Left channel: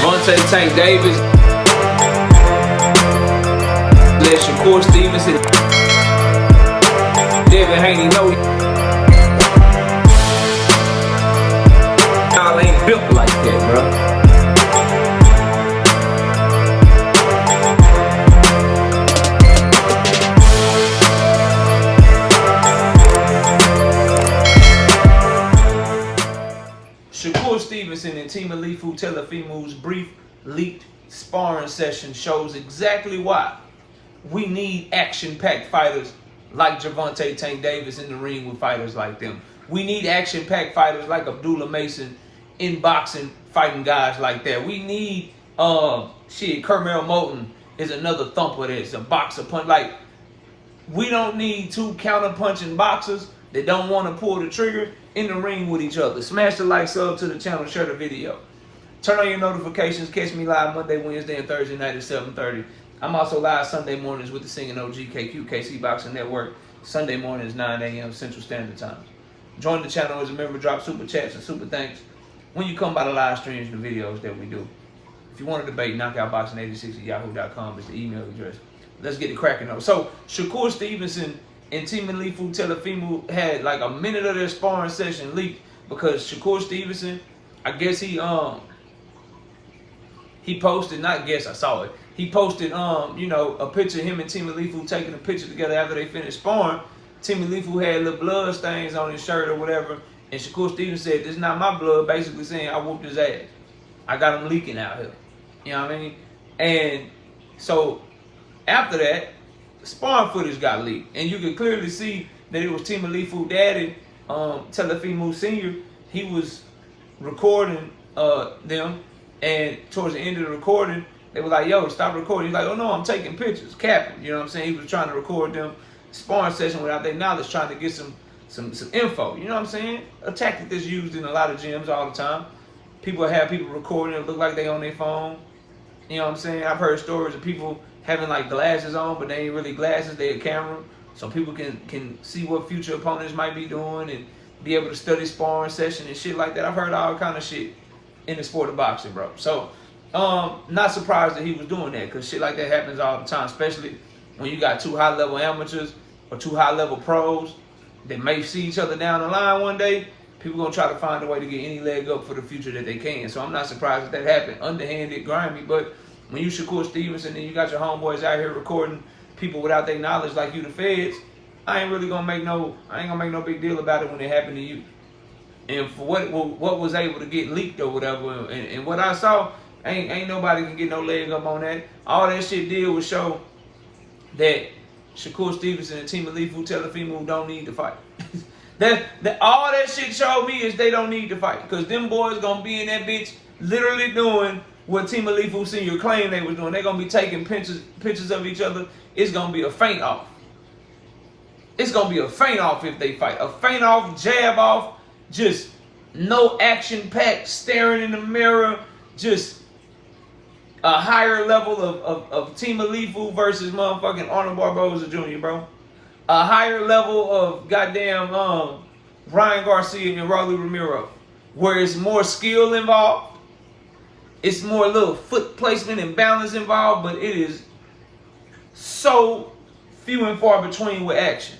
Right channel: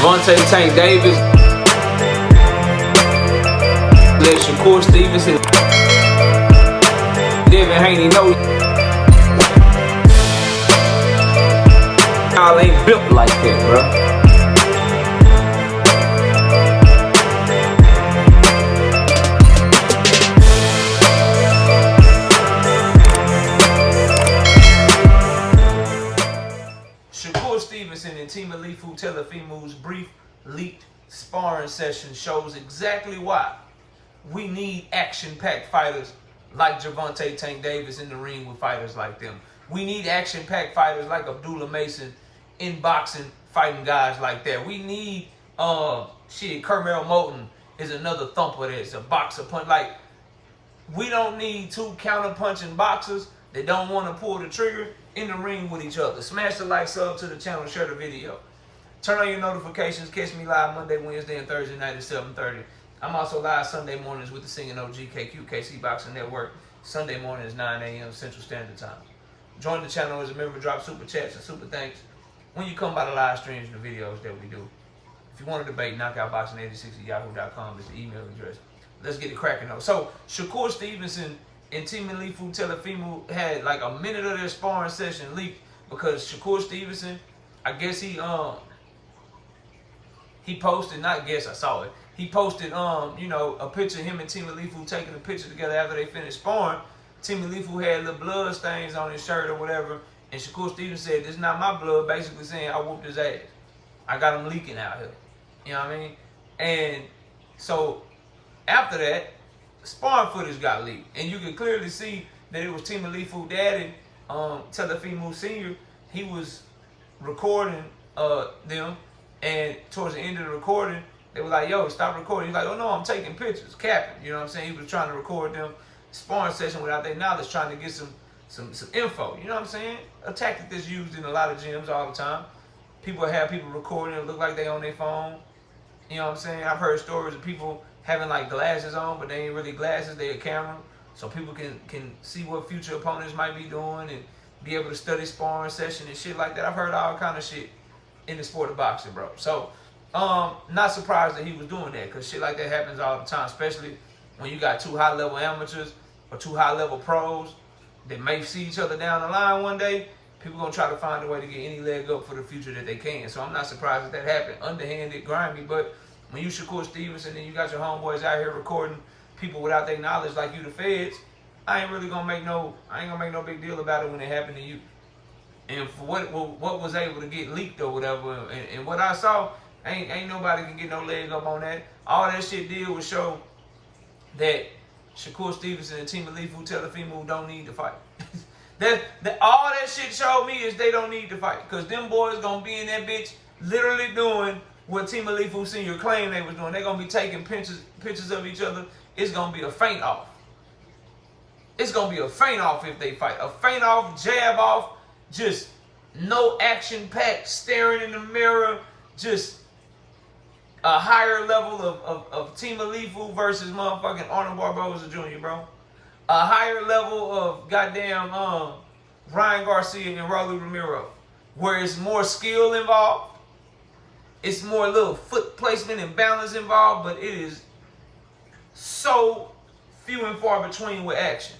Gervonta Tank Davis. Let Shakur Stevenson. Devin Haney know y'all ain't built like that, bro. Shakur Stevenson and Temalifu's brief leaked sparring session shows exactly why we need action-packed fighters like Gervonta Tank Davis in the ring with fighters like them. We need action-packed fighters like Abdullah Mason in boxing, fighting guys like that. We need, Kermel Moulton is another thumper that's a boxer punch. Like, we don't need two counter-punching boxers that don't want to pull the trigger in the ring with each other. Smash the like, sub to the channel, share the video. Turn on your notifications. Catch me live Monday, Wednesday, and Thursday night at 7:30. I'm also live Sunday mornings with the Singing OG KC Boxing Network. Sunday mornings, 9 a.m. Central Standard Time. Join the channel as a member. Drop super chats and super thanks when you come by the live streams and the videos that we do. If you want to debate, knockoutboxing86@yahoo.com is the email address. Let's get it cracking though. So Shakur Stevenson and Temalifu had like a minute of their sparring session leaked because Shakur Stevenson, I guess he posted, not guess, I saw it. He posted a picture of him and Temalifu taking a picture together after they finished sparring. Temalifu had little blood stains on his shirt or whatever, and Shakur Stevenson said, "This is not my blood," basically saying, "I whooped his ass. I got him leaking out here." You know what I mean? And so after that, sparring footage got leaked, and you could clearly see that it was Temalifu daddy, Temalifu Sr. He was recording them, and towards the end of the recording, they were like, "Yo, stop recording." He's like, "Oh no, I'm taking pictures, capping." You know what I'm saying? He was trying to record them sparring session without their knowledge, trying to get some info. You know what I'm saying? A tactic that's used in a lot of gyms all the time. People have people recording it look like they on their phone. You know what I'm saying? I've heard stories of people having like glasses on, but they ain't really glasses, they a camera. So people can see what future opponents might be doing and be able to study sparring session and shit like that. I've heard all kind of shit in the sport of boxing, bro. So, not surprised that he was doing that, because shit like that happens all the time, especially when you got two high-level amateurs or two high-level pros that may see each other down the line one day. People gonna try to find a way to get any leg up for the future that they can. So I'm not surprised that happened. Underhanded, grimy, but when you Shakur Stevenson and you got your homeboys out here recording people without their knowledge like you the feds, I ain't gonna make no big deal about it when it happened to you. And for what was able to get leaked or whatever, and what I saw, ain't nobody can get no leg up on that. All that shit did was show that Shakur Stevenson and Temalifu don't need to fight. All that shit showed me is they don't need to fight, because them boys gonna be in that bitch literally doing what Temalifu Sr. claimed they was doing. They're gonna be taking pictures of each other. It's gonna be a feint off. It's gonna be a feint off if they fight. A feint off, jab off, just no action packed, staring in the mirror, just a higher level of Temalifu versus motherfucking Arnold Barboza Jr., bro. A higher level of goddamn Ryan Garcia and Raul Romero, where it's more skill involved. It's more little foot placement and balance involved, but it is so few and far between with action.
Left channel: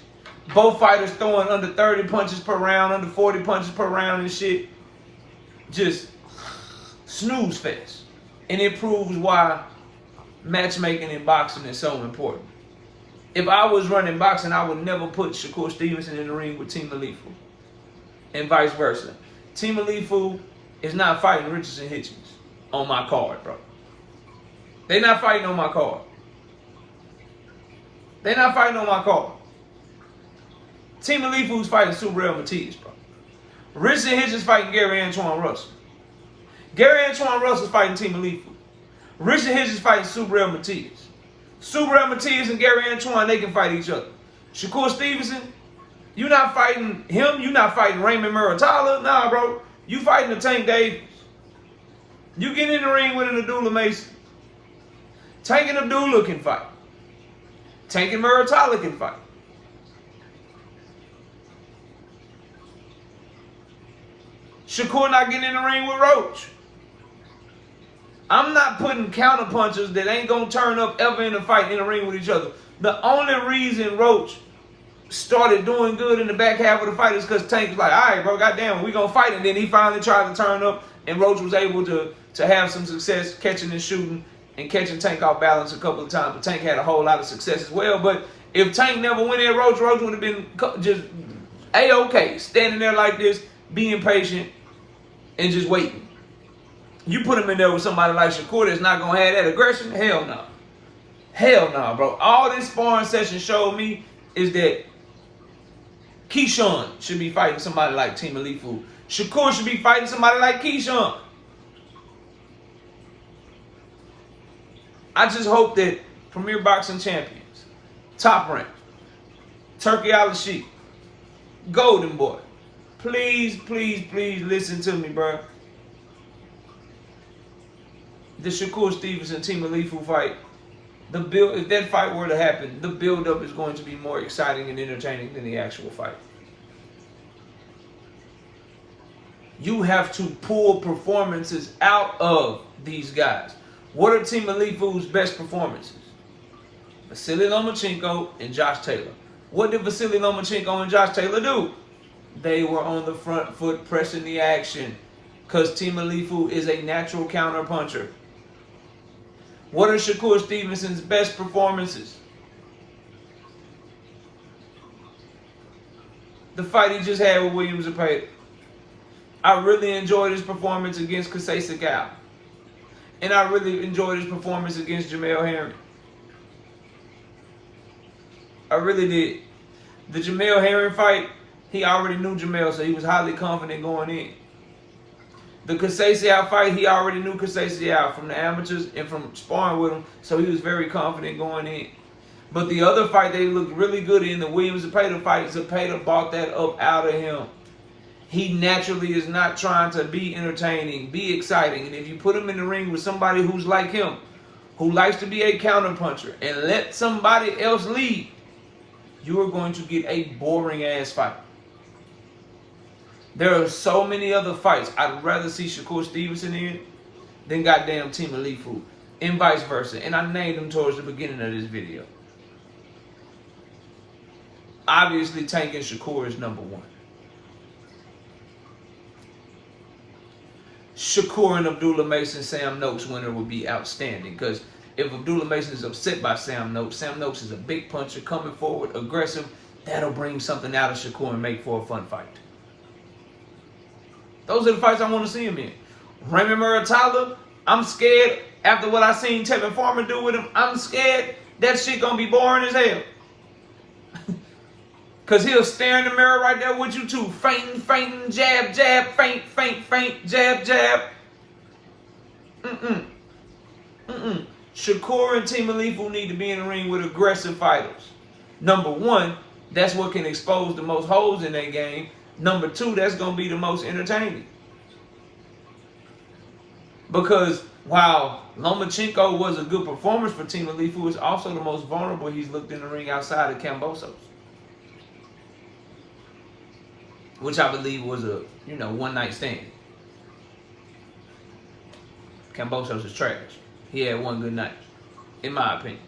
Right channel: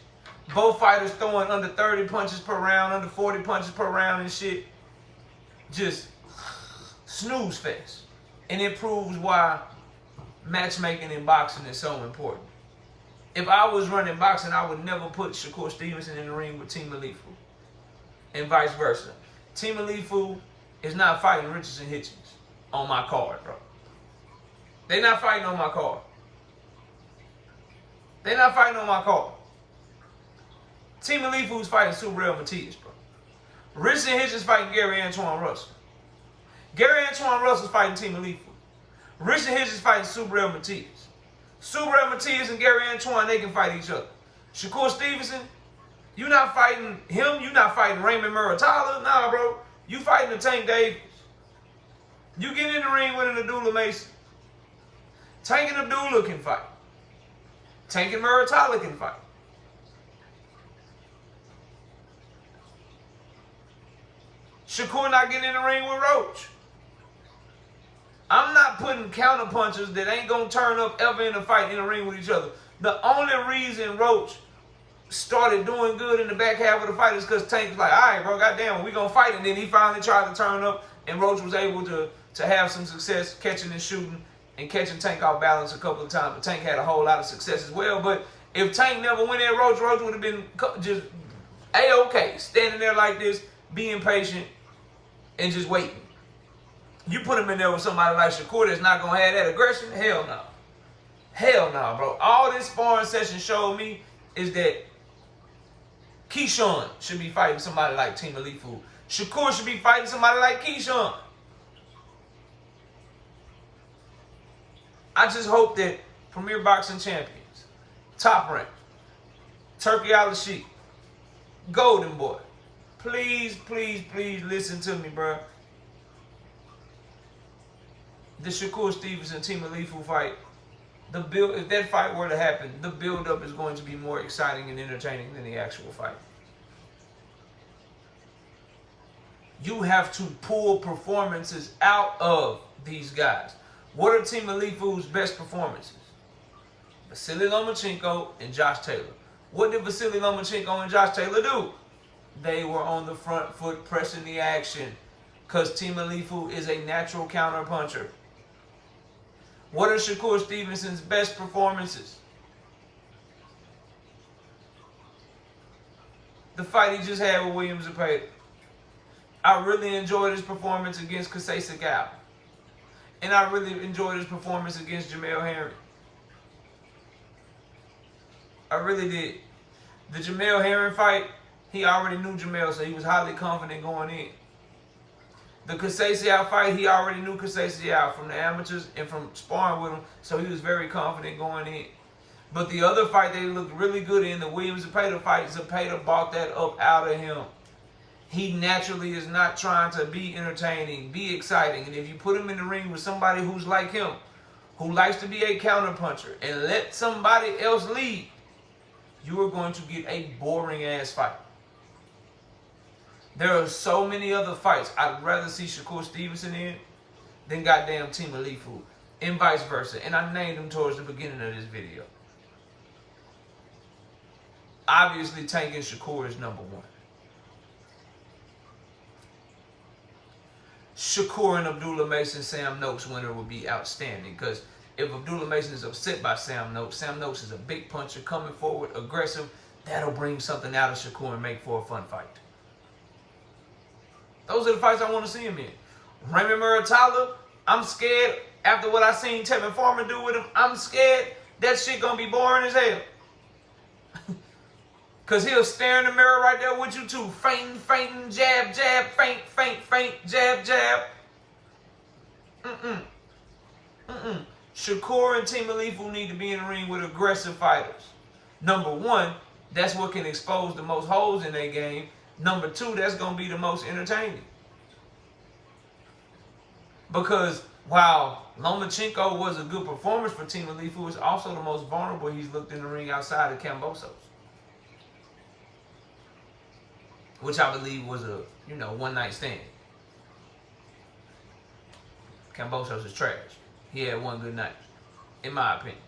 Both fighters throwing under 30 punches per round, under 40 punches per round and shit. Just snooze fest. And it proves why matchmaking in boxing is so important. If I was running boxing, I would never put Shakur Stevenson in the ring with Temalifu. And vice versa. Temalifu is not fighting Richardson Hitchens on my card, bro. They're not fighting on my card. They're not fighting on my card. Temalifu's fighting Subriel Matias, bro. Richardson Hitchens fighting Gary Antoine Russell. Gary Antoine Russell's fighting Temalifu. Richardson Hitchens fighting Subriel Matias. Subriel Matias and Gary Antoine, they can fight each other. Shakur Stevenson, you not fighting him. You not fighting Raymond Muratalla. Nah, bro. You fighting the Tank Davis. You get in the ring with an Abdullah Mason. Tank and Abdullah can fight. Tank and Muratalla can fight. Shakur not getting in the ring with Roach. I'm not putting counter punchers that ain't gonna turn up ever in a fight in the ring with each other. The only reason Roach started doing good in the back half of the fight is because Tank was like, all right, bro, goddamn, we gonna fight. And then he finally tried to turn up, and Roach was able to have some success catching and shooting and catching Tank off balance a couple of times. But Tank had a whole lot of success as well. But if Tank never went at Roach, Roach would have been just A-okay, standing there like this, being patient, and just waiting. You put him in there with somebody like Shakur that's not going to have that aggression? Hell no. Hell no, bro. All this sparring session showed me is that Keyshawn should be fighting somebody like Temalifu. Shakur should be fighting somebody like Keyshawn. I just hope that Premier Boxing Champions, Top Rank, Turkey Al-Sheikh, Golden Boy, please, please, please listen to me, bro. The Shakur Stevenson Temalifu fight, if that fight were to happen, the build-up is going to be more exciting and entertaining than the actual fight. You have to pull performances out of these guys. What are Temalifu's best performances? Vasily Lomachenko and Josh Taylor. What did Vasily Lomachenko and Josh Taylor do? They were on the front foot pressing the action because Temalifu is a natural counter puncher. What are Shakur Stevenson's best performances? The fight he just had with William Zepeda. I really enjoyed his performance against Kasey Sakau. And I really enjoyed his performance against Jamel Herring. I really did. The Jamel Herring fight, he already knew Jamel, so he was highly confident going in. The Kasey Sakau fight, he already knew Kasey Sakau from the amateurs and from sparring with him, so he was very confident going in. But the other fight they looked really good in, the Williams Zepeda fight, Zepeda bought that up out of him. He naturally is not trying to be entertaining, be exciting. And if you put him in the ring with somebody who's like him, who likes to be a counterpuncher, and let somebody else lead, you are going to get a boring-ass fight. There are so many other fights I'd rather see Shakur Stevenson in than goddamn Temalifu, and vice versa. And I named them towards the beginning of this video. Obviously, Tank and Shakur is number one. Shakur and Abdullah Mason, Sam Noakes winner would be outstanding. Because if Abdullah Mason is upset by Sam Noakes is a big puncher, coming forward, aggressive. That'll bring something out of Shakur and make for a fun fight. Those are the fights I want to see him in. Raymond Muratalla, I'm scared. After what I seen Tevin Farmer do with him, I'm scared that shit gonna be boring as hell. Because he'll stare in the mirror right there with you too. Fainting, jab, jab, feint, jab, jab. Shakur and Temalifu need to be in the ring with aggressive fighters. Number one, that's what can expose the most holes in their game. Number two, that's going to be the most entertaining. Because while Lomachenko was a good performance for Temalifu, it's also the most vulnerable he's looked in the ring outside of Kambosos. Which I believe was a, one-night stand. Kambosos is trash. He had one good night, in my opinion.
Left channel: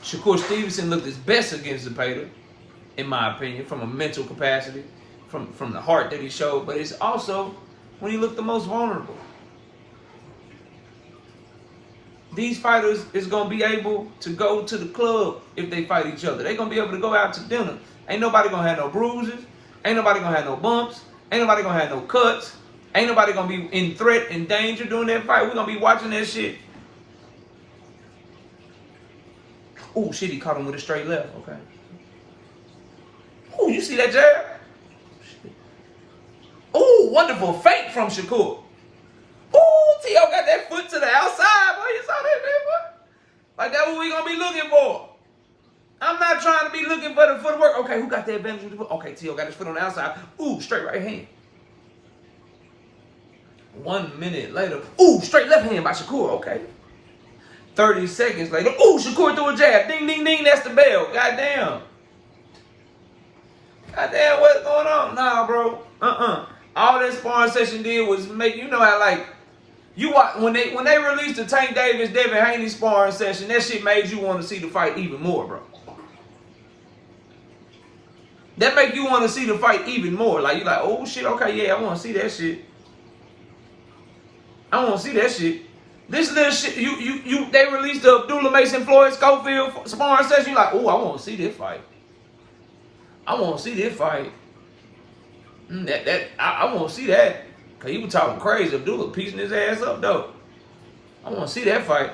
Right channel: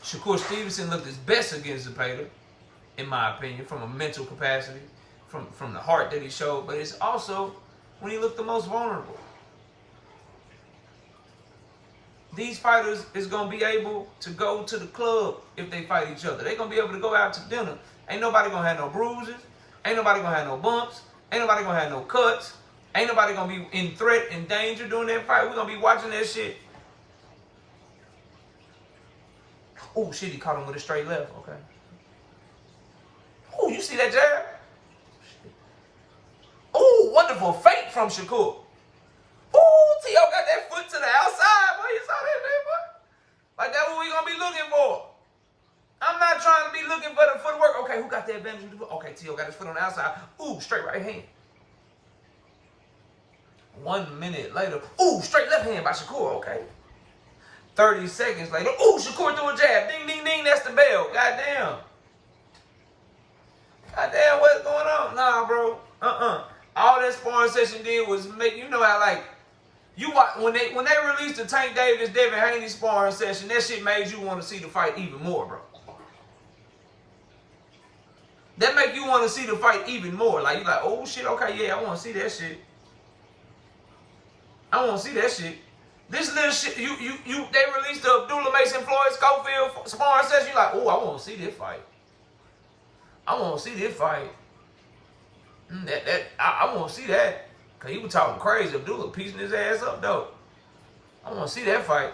Shakur Stevenson looked his best against Zepeda, in my opinion, from a mental capacity, from the heart that he showed, but it's also when he looked the most vulnerable. These fighters is going to be able to go to the club if they fight each other. They're going to be able to go out to dinner. Ain't nobody going to have no bruises. Ain't nobody going to have no bumps. Ain't nobody going to have no cuts. Ain't nobody going to be in threat and danger during that fight. We're going to be watching that shit. Oh, shit, he caught him with a straight left. Okay. Oh, you see that jab? Oh, wonderful feint from Shakur. Oh, T.O. got that foot to the outside. Boy, you saw that, man, boy? Like, that's what we going to be looking for. I'm not trying to be looking for the footwork. Okay, who got the advantage with the foot? Okay, T.O. got his foot on the outside. Ooh, straight right hand. 1 minute later. Ooh, straight left hand by Shakur. Okay. 30 seconds later. Ooh, Shakur threw a jab. Ding, ding, ding. That's the bell. Goddamn. Goddamn, what's going on? Nah, bro. All that sparring session did was make, how, like, You watch, when they released the Tank Davis Devin Haney sparring session, that shit made you want to see the fight even more, bro. That make you want to see the fight even more. Like you like, oh shit, okay, yeah, I want to see that shit. I want to see that shit. This little shit, they released the Abdullah Mason Floyd Schofield sparring session. You like, oh, I want to see this fight. I want to see this fight. I want to see that. Cause he was talking crazy. Abdullah piecing his ass up though. I want to see that fight.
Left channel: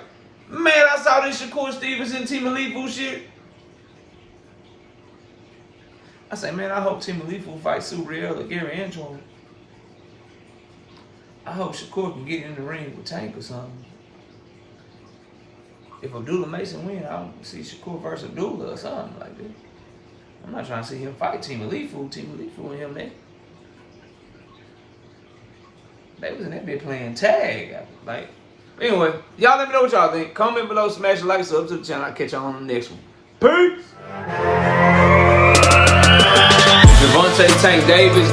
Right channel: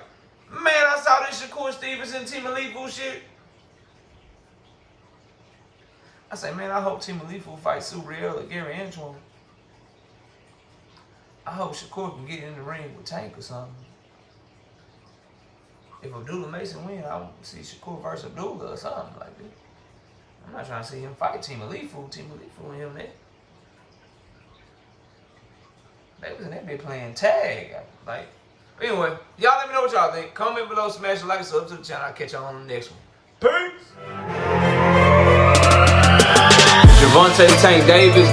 Man, I saw this Shakur Stevenson, Temalifu shit. I say, man, I hope Temalifu fights Subriel or Gary Antron. I hope Shakur can get in the ring with Tank or something. If Abdullah Mason win, I want to see Shakur versus Abdullah or something like that. I'm not trying to see him fight Temalifu. Temalifu and him there. They was in that bit playing tag. Like, anyway, y'all let me know what y'all think. Comment below, smash the like, sub to the channel. I'll catch y'all on the next one. Peace! Gervonta Tank Davis.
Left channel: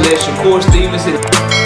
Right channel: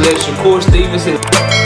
Let Shakur Stevenson.